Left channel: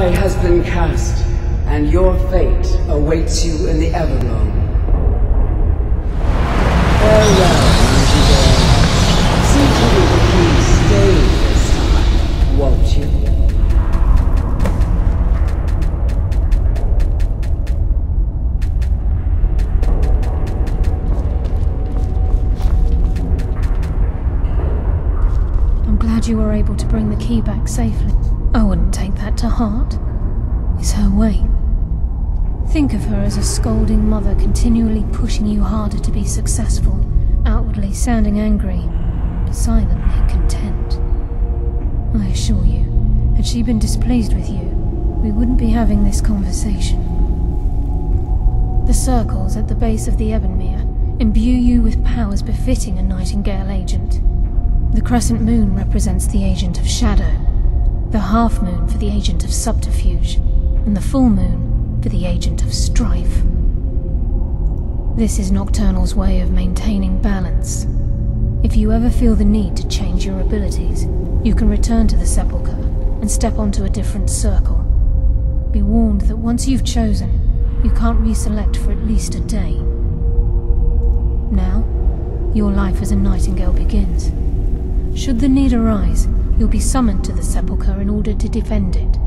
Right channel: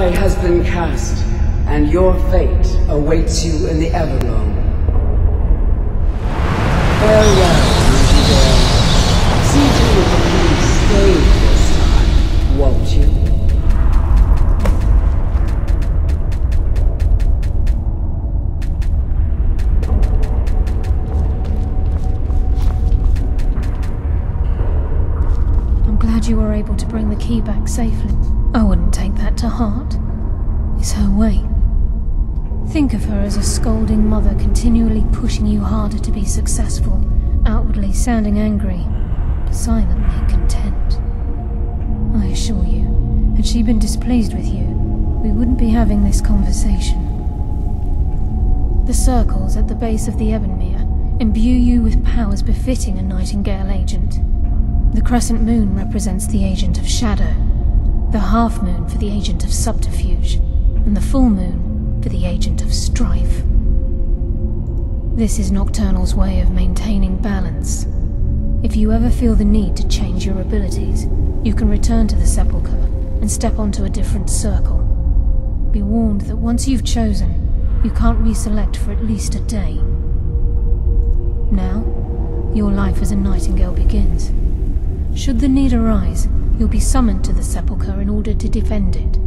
Die has been cast, and your fate awaits you in the Everloam. Farewell, Nightingale. See to it the key stays this time, won't you? I'm glad you were able to bring the key back safely. I wouldn't take that to heart. It's her way. Think of her as a scolding mother continually pushing you harder to be successful, outwardly sounding angry, but silently content. I assure you, had she been displeased with you, we wouldn't be having this conversation. The circles at the base of the Ebonmere imbue you with powers befitting a Nightingale agent. The crescent moon represents the agent of shadow, the half moon for the agent of subterfuge, and the full moon for the agent of strife. This is Nocturnal's way of maintaining balance. If you ever feel the need to change your abilities, you can return to the Sepulchre and step onto a different circle. Be warned that once you've chosen, you can't reselect for at least a day. Now, your life as a Nightingale begins. Should the need arise, you'll be summoned to the Sepulchre in order to defend it.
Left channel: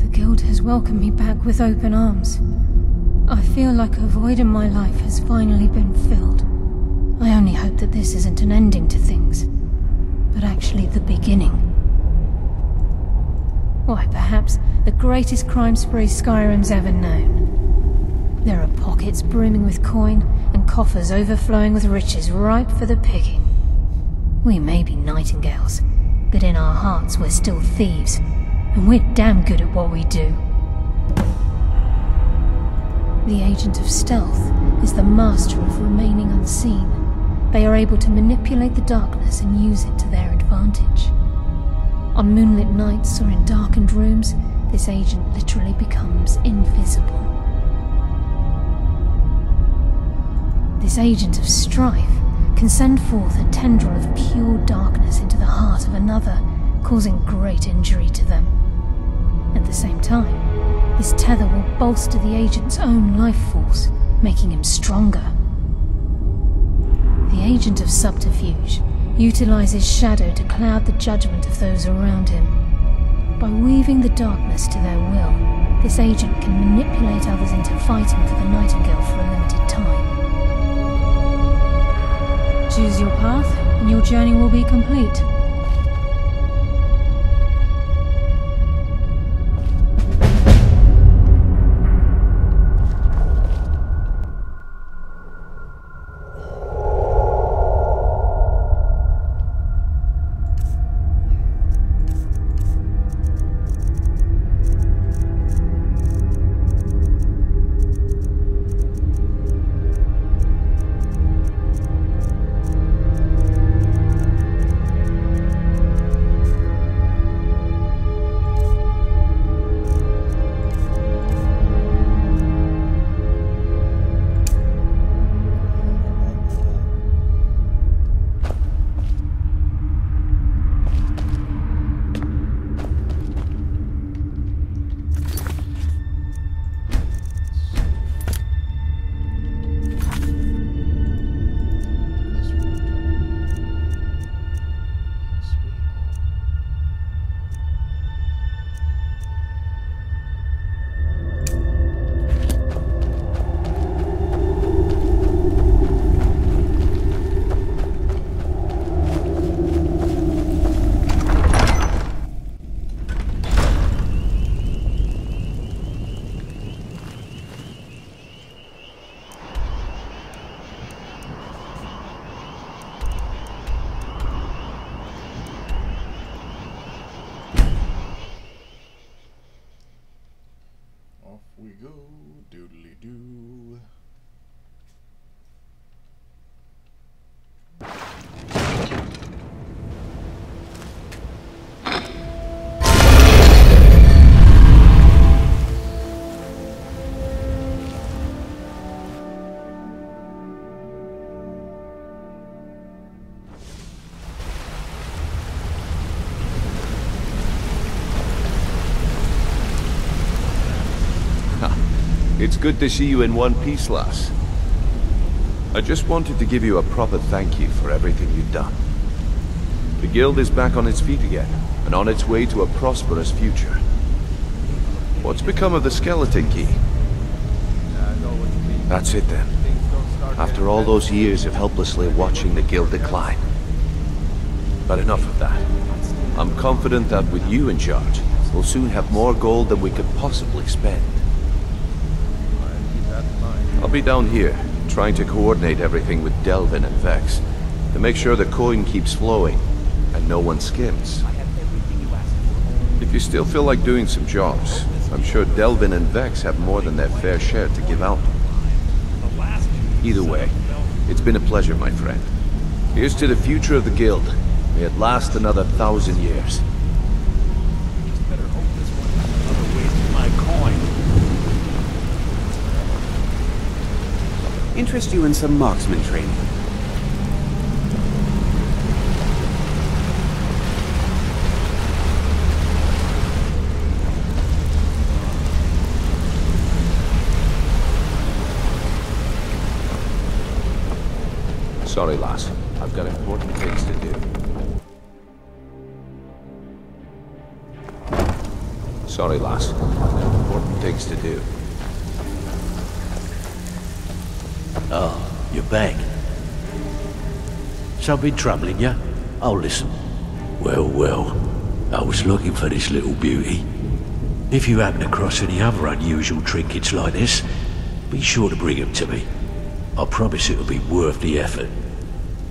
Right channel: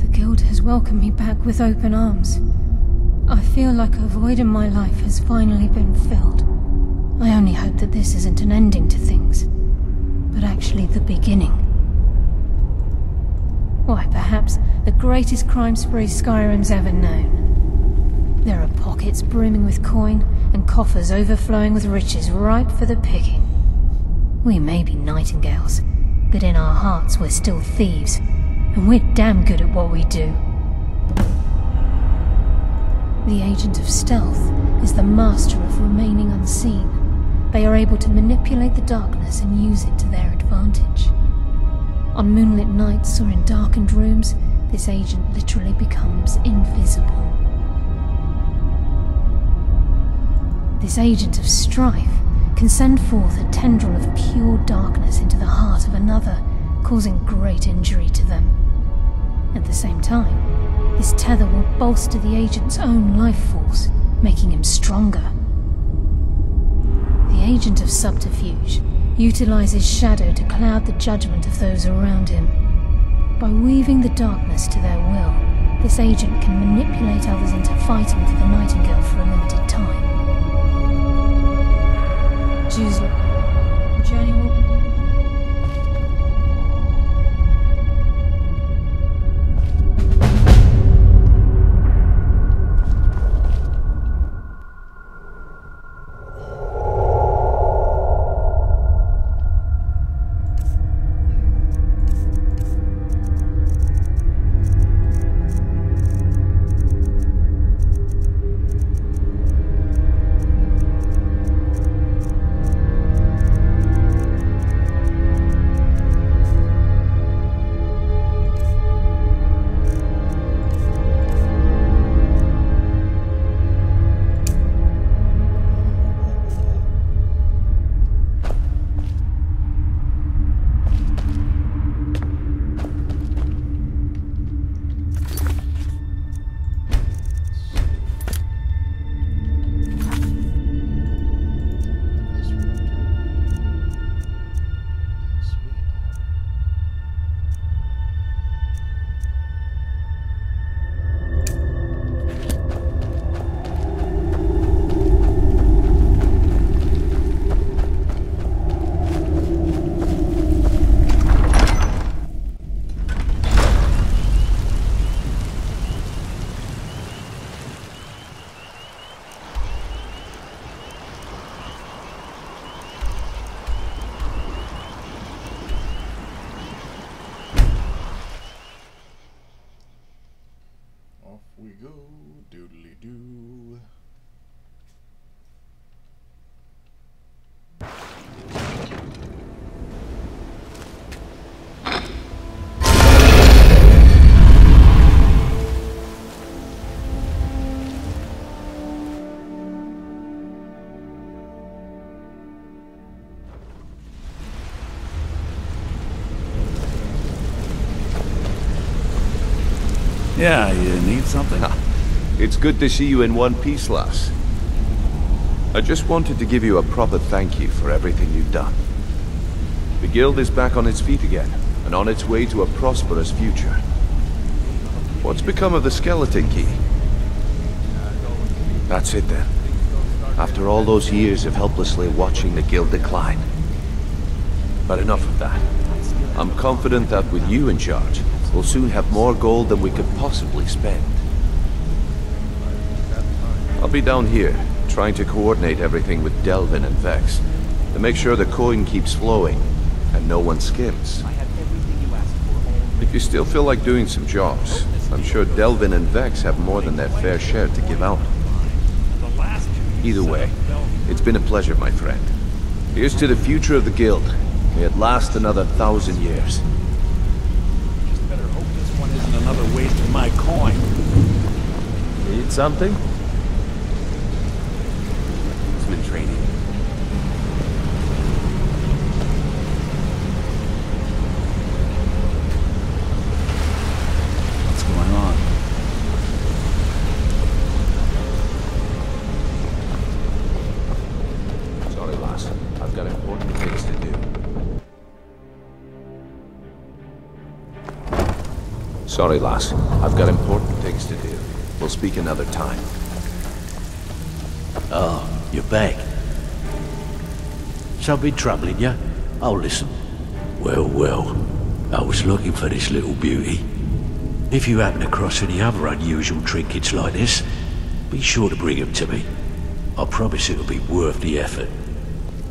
The Guild has welcomed me back with open arms. I feel like a void in my life has finally been filled. I only hope that this isn't an ending to things, but actually the beginning. Why, perhaps the greatest crime spree Skyrim's ever known. There are pockets brimming with coin, and coffers overflowing with riches ripe for the picking. We may be Nightingales, but in our hearts we're still thieves, and we're damn good at what we do. The Agent of Stealth is the master of remaining unseen. They are able to manipulate the darkness and use it to their advantage. On moonlit nights or in darkened rooms, this agent literally becomes invisible. This agent of strife can send forth a tendril of pure darkness into the heart of another, causing great injury to them. At the same time, this tether will bolster the agent's own life force, making him stronger. The Agent of Subterfuge utilizes shadow to cloud the judgment of those around him. By weaving the darkness to their will, this agent can manipulate others into fighting for the Nightingale for a limited time. Choose your path, and your journey will be complete. We go, doodly doo. Yeah, you need something? It's good to see you in one piece, lass. I just wanted to give you a proper thank you for everything you've done. The guild is back on its feet again, and on its way to a prosperous future. What's become of the skeleton key? That's it then. After all those years of helplessly watching the guild decline. But enough of that. I'm confident that with you in charge, we'll soon have more gold than we could possibly spend. I'll be down here, trying to coordinate everything with Delvin and Vex, to make sure the coin keeps flowing, and no one skims. If you still feel like doing some jobs, I'm sure Delvin and Vex have more than their fair share to give out. Either way, it's been a pleasure, my friend. Here's to the future of the guild. May it last another 1,000 years. Just better hope this one isn't another waste of my coin. Need something? Interest you in some marksman training? What's going on? Sorry, lass. I've got important things to do. Sorry, lass. I've got important things to do. We'll speak another time. Oh, you're back. Something troubling you? Oh, listen. Well, well. I was looking for this little beauty. If you happen across any other unusual trinkets like this, be sure to bring them to me. I promise it'll be worth the effort.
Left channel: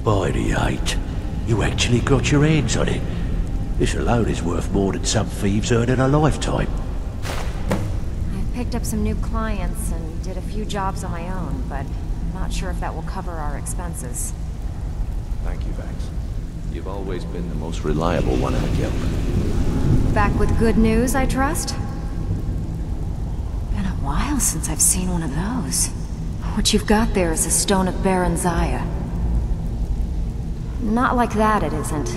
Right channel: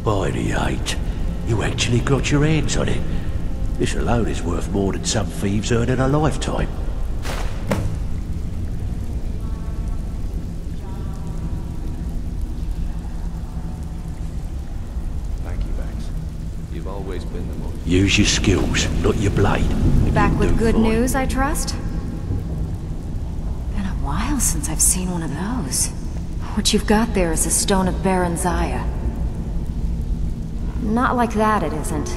By the 8, you actually got your hands on it. This alone is worth more than some thieves earn in a lifetime. I've picked up some new clients and did a few jobs on my own, but I'm not sure if that will cover our expenses. Thank you, Vex. You've always been the most reliable Use your one. skills, not your blade. Back with good news, I trust? Been a while since I've seen one of those. What you've got there is a stone of Baron Zaya. Not like that, it isn't.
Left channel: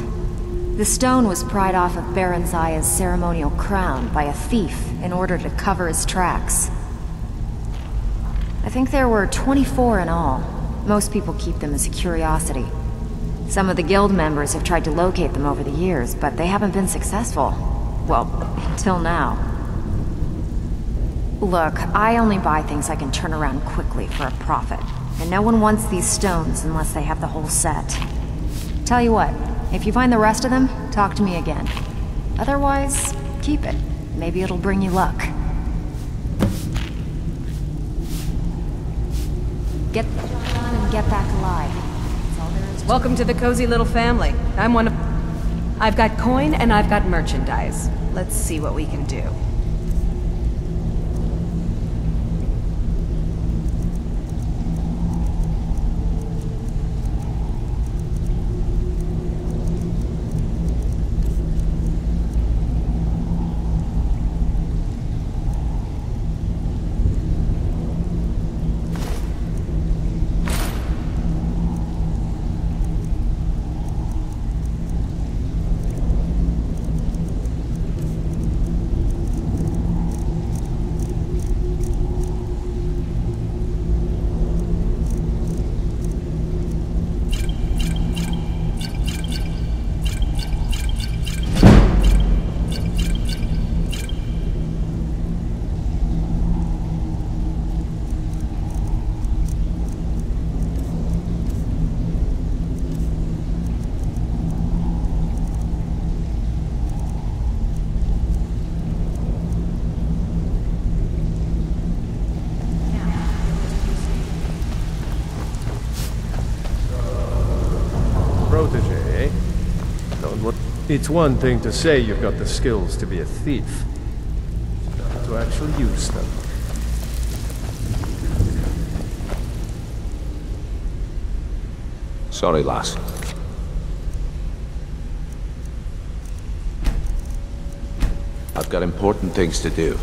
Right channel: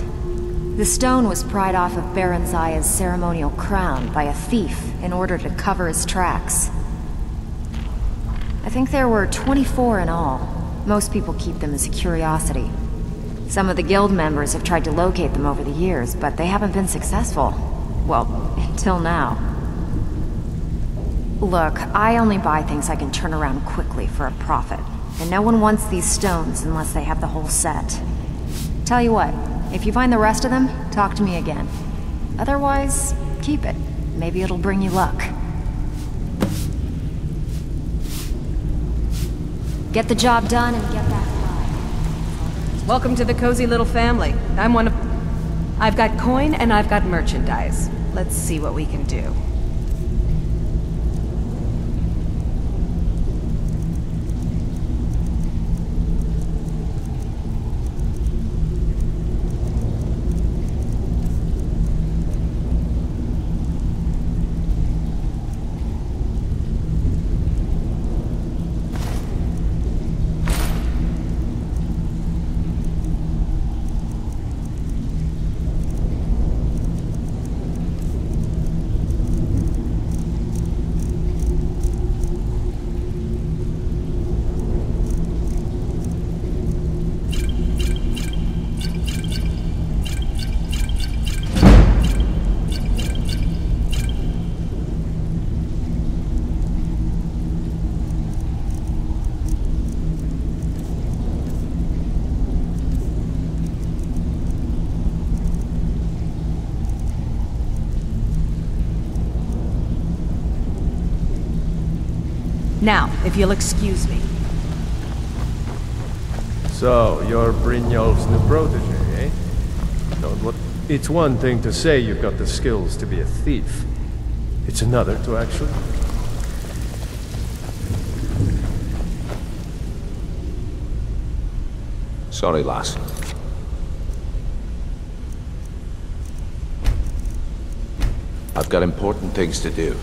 The stone was pried off of Baron Zaya's ceremonial crown by a thief in order to cover his tracks. I think there were 24 in all. Most people keep them as a curiosity. Some of the guild members have tried to locate them over the years, but they haven't been successful. Well, until now. Look, I only buy things I can turn around quickly for a profit. And no one wants these stones unless they have the whole set. Tell you what, if you find the rest of them, talk to me again. Otherwise, keep it. Maybe it'll bring you luck. Get the job done and get back alive. That's all there is to it. Welcome to the cozy little family. I'm one of... I've got coin and I've got merchandise. Let's see what we can do. Now, if you'll excuse me. So, you're Brynjolf's new protege, eh? It's one thing to say you've got the skills to be a thief. It's another to actually use them. Sorry, lass. I've got important things to do.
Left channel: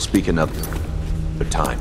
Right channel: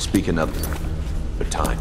We'll speak another time.